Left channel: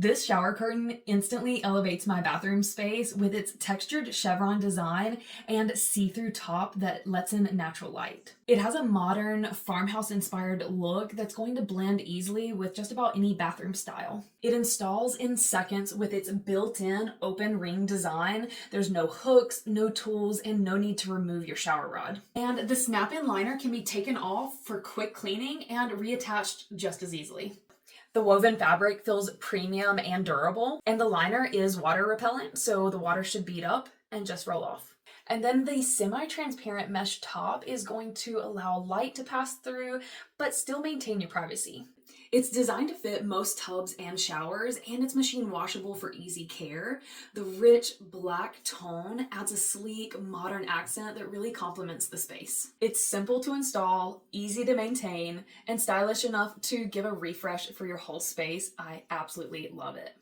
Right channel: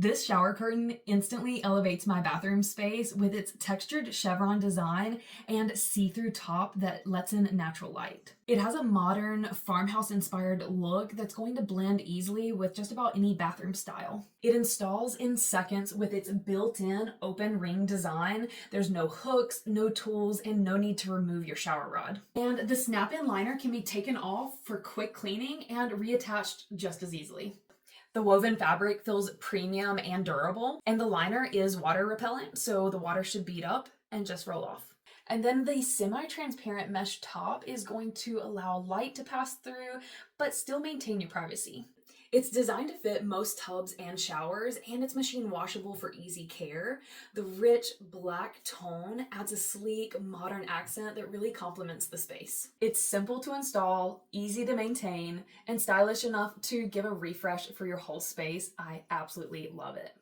This shower curtain instantly elevates my bathroom space with its textured chevron design and see-through top that lets in natural light. It has a modern farmhouse-inspired look that's going to blend easily with just about any bathroom style. It installs in seconds with its built-in open ring design. There's no hooks, no tools, and no need to remove your shower rod. And the snap-in liner can be taken off for quick cleaning and reattached just as easily. The woven fabric feels premium and durable, and the liner is water repellent, so the water should bead up and just roll off. And then the semi-transparent mesh top is going to allow light to pass through, but still maintain your privacy. It's designed to fit most tubs and showers, and it's machine washable for easy care. The rich black tone adds a sleek, modern accent that really complements the space. It's simple to install, easy to maintain, and stylish enough to give a refresh for your whole space. I absolutely love it.